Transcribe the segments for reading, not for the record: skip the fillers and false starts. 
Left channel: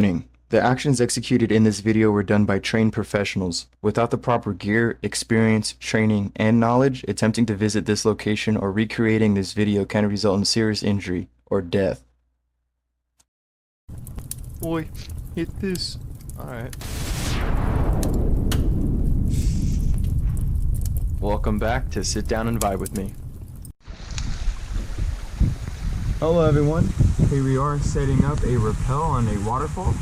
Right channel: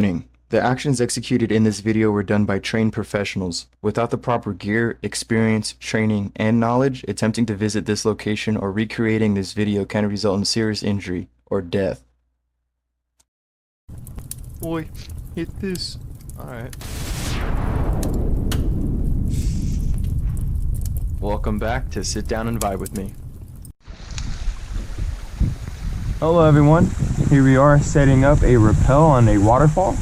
The actions executed in this video were done by trained professionals. Without the proper gear, experience, training, and knowledge, attempting to visit this location or recreating this video can result in serious injury or death. Boy, hit this. Alright. Welcome back to Sit Down and Vibe with me. Hello everyone, here we are setting up a rappel on a waterfall.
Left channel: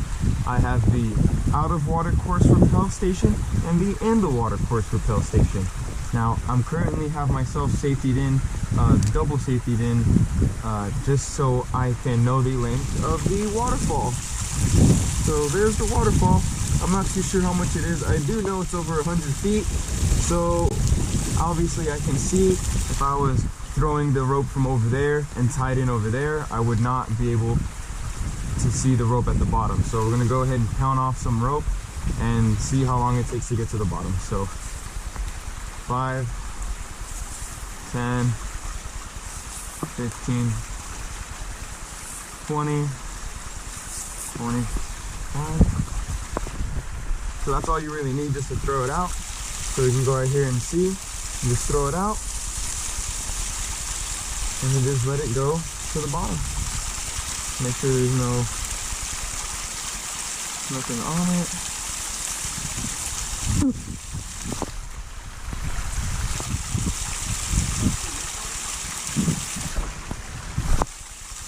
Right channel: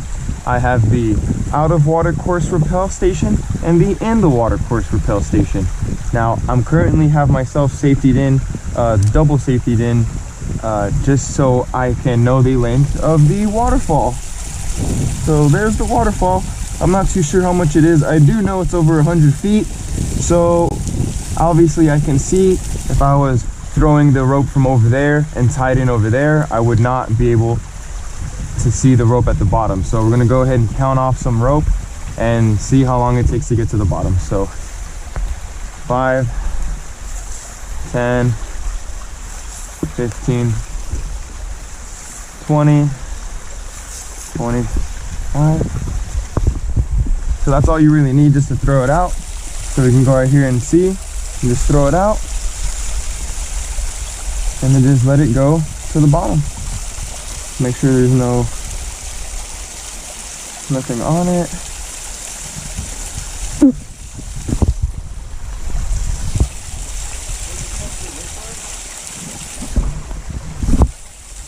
I have the out of water course rappel station and the in the water course rappel station. Now I'm currently have myself safetied in, double safetied in, just so I can know the length of the waterfall. So there's the waterfall. I'm not too sure how much it is. I do know it's over 100 feet. So obviously I can see if I was throwing the rope from over there and tied in over there, I would not be able to see the rope at the bottom. So we're gonna go ahead and count off some rope and see how long it takes to get to the bottom. So 5, 10, 15, 20, 25. So that's all you really need just to throw it out. So we can go right here and see, and just throw it out. And then just let it go to the bottom. Make sure there's nothing on it.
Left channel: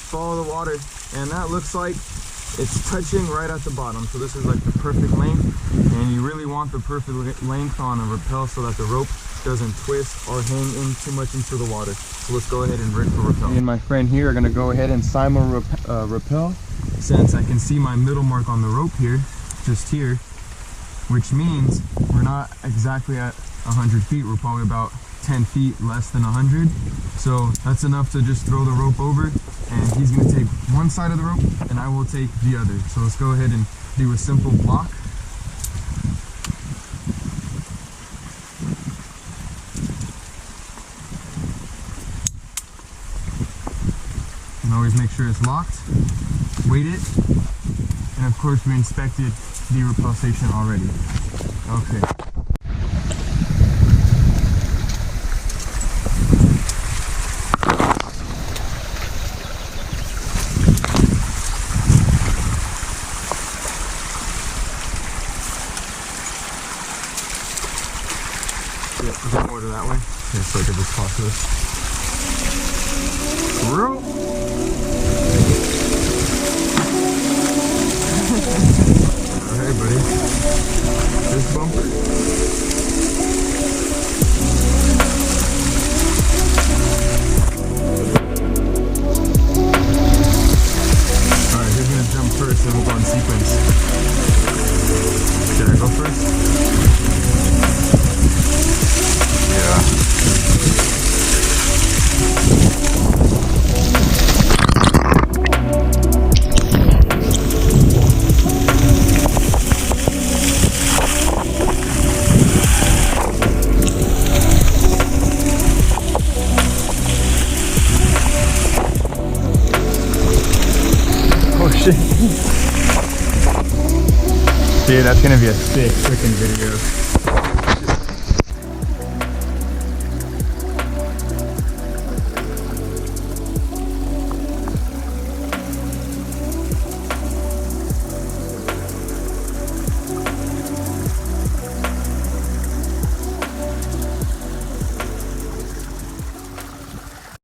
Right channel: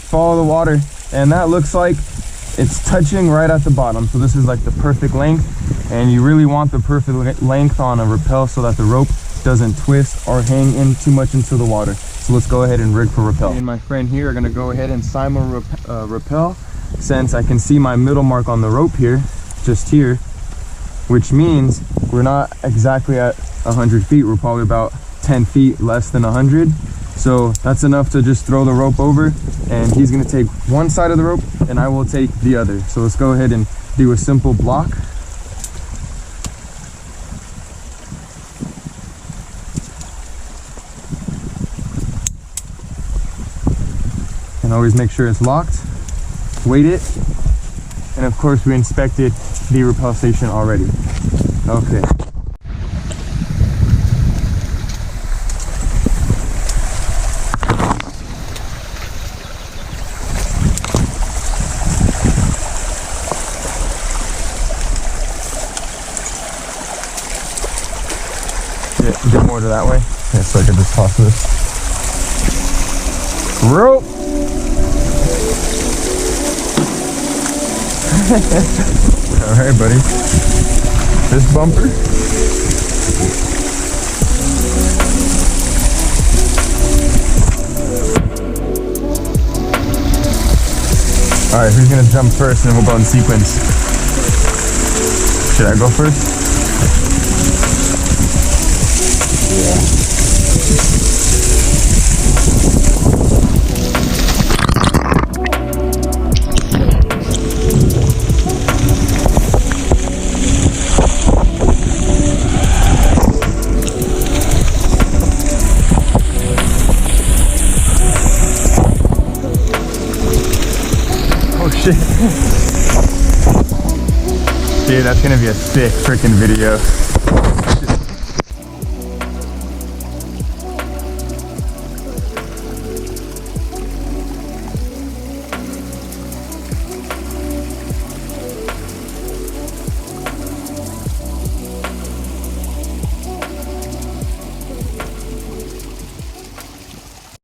Follow the water, and that looks like it's touching right at the bottom. So this is like the perfect length, and you really want the perfect length on a rappel so that the rope doesn't twist or hang in too much into the water. So let's go ahead and rig for rappel. Me and my friend here are gonna go ahead and simul rappel, since I can see my middle mark on the rope here, just here, which means we're not exactly at 100 feet. We're probably about 10 feet less than 100. So that's enough to just throw the rope over, and he's gonna take one side of the rope and I will take the other. So let's go ahead and do a simple block. And always make sure it's locked, weight it, and of course we inspected the rappel station already. Okay. Get more to that way. Okay, so I can just toss this. Rope! Alright, buddy. This bumper. Alright, who's gonna jump first and then we'll go in sequence? Should I go first? Yeah. Oh shit. Dude, that's gonna be a sick freaking video.